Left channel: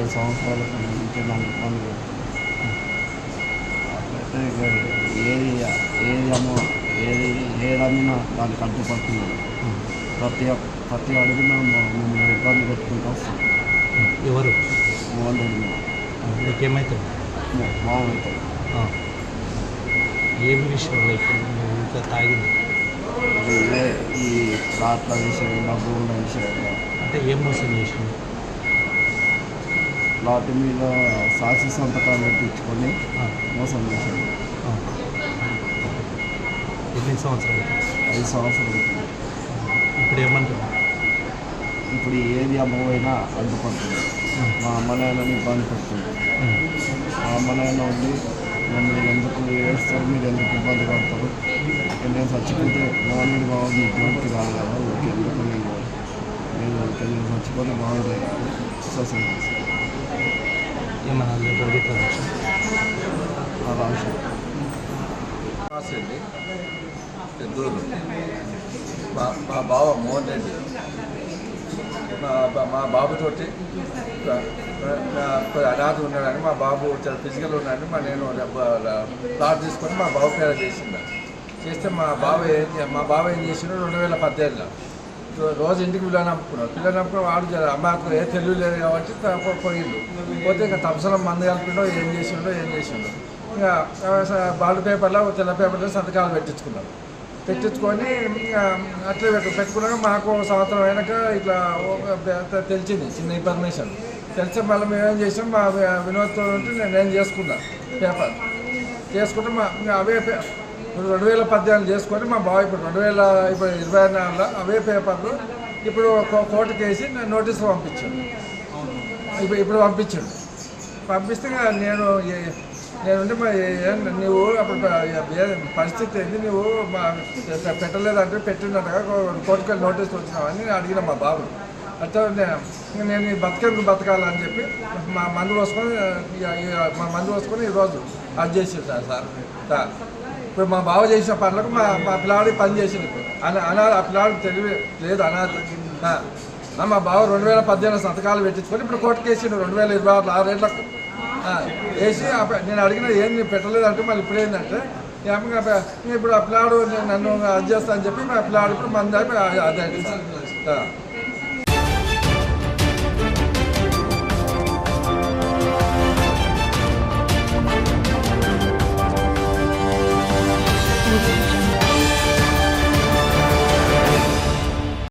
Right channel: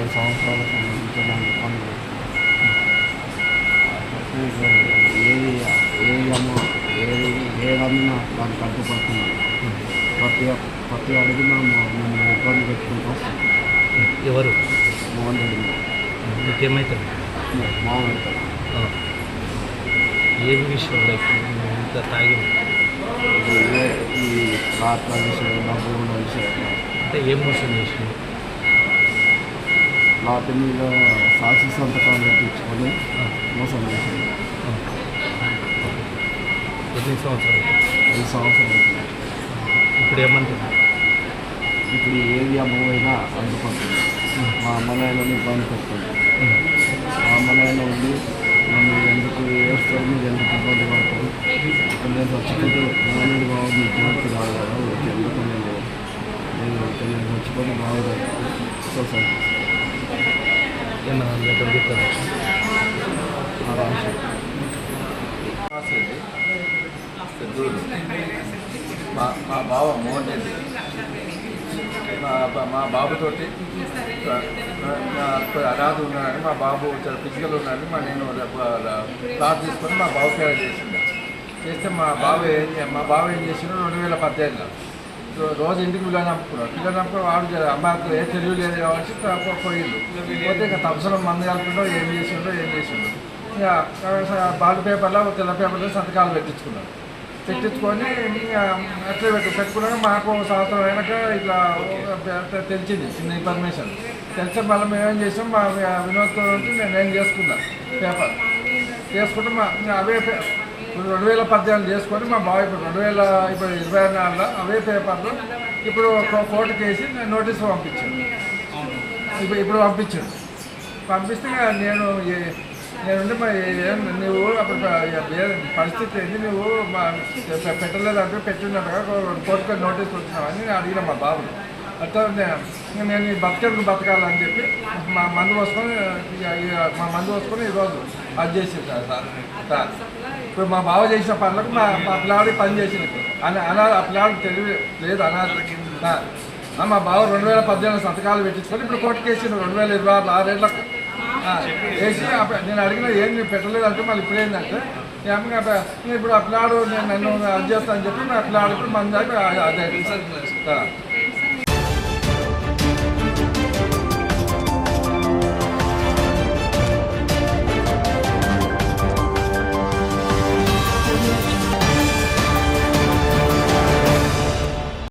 5 సంవత్సరాలకు నుంచి నన్ను ఇబ్బంది ఏది ఏదన్నా దానికి అడ్డుపడుతుంది. ప్రతి అడుగున మేము ఇబ్బంది పెట్టుకుంటూ వస్తాం. ఎవరు మోహన్ రెడ్డి మీకేమవుతుంది? మామూలుతాడు. ఏం విషయంలో ఇంకా తాగింది? ఈ రాత్ర విషయం, డబ్బుల విషయం. అంటే ఏం మోసం చేసింది? లాట్ మీద సాక్షి సంతకాలు పెట్టించుకొని మోసం చేసింది. ఎన్ని సంవత్సరాలు? 5 సంవత్సరాలు. ఇప్పుడు ఏమంటుంది? ఇప్పుడు ఏది అమ్మమైనా అడ్డుపడుతుంది. మా అమ్మ నాయనని ఇబ్బంది పెడుతుంది. మా అమ్మ నాయన ఉండి నన్ను ఎందుకు వేస్తారు, మీరు ఎందుకు ఇబ్బంది పడతారు, ఇప్పుడు నేను చచ్చిపోతే నాన్నది బాగుంది ఇబ్బందికి రాదు కదా, ఎందుకు నేను చచ్చిపోతే బాగుంది సొసైటీ మా బావ మోహన్ రెడ్డి మా బాబుతోటి అనాథ ఉన్నాడని, మా బాబు చాలా ఫిజికల్ ఉన్నాడని నేను ప్లాట్ తీసుకొని మా బాబు పేరు చేస్తే మా బావ ఏం చేసిండు 2018లో రోజు ఇంటికి పిల్లలు నమ్ముకుని వాడు అమ్మాయికి ఏ తెలివి లేదు కాబట్టి పోయిండు. పోతే ఇక తమసలం మంది కలుపుకుంటో ఏం చేసిండో ఇక బాల్ పేపర్లో తెల్ల పేపర్లో సంతకాలు పెట్టించుకొని అట్లే పెట్టుకున్నాక మాకు సంవత్సరం అయినాక ఇట్లా తెలిసింది చిన్న ఇన్ఫర్మేషన్ తెలిసి మళ్ళీ మేమేం చేసాం, మా వినోద్తో నేను చేసుకున్నా పేపర్ చేసుకుంటే అవే 2018 చేసుకొని మా బావ ఇప్పుడు 2024లో అవే పేపర్లు ఇప్పుడు కోర్టుకు వేసి నోటీసు పంపించాను. ఇప్పుడు పంపిస్తే నేనుండి నువ్వు అప్పుడు పరిస్థితి ఏంది, నువ్వు పెట్టలేదంటే పెట్టినట్టుగా కోర్టుకు నోటీస్ వచ్చినావని నేను అడిగిన మా బాబు. అట్లా నేను ఈ బతకాలని చెప్పి మా మందు పోసుకొని ఈరోజు అది చేసేసాను సార్. ఇప్పుడు మా బావ చేసిన పనులకు మా పిల్లాడి పని చేసింది. ఆ పిల్లాడికి తెలివి లేదు అనాథ. మా బావ 2018 సంతకాలు పెట్టించుకొని ఇప్పుడు కోర్టుకు వేసిండు 2026 6 వేసి నేను అడిగిన ఏం పెట్టలేదంటే మళ్ళీ ఇప్పుడు ఏంటంటే ఇప్పుడు ఆ పిల్లాడు నేను నన్ను అది చేస్తాను అని చెప్పి మా పిల్లాడు ఇప్పుడు మంది అదే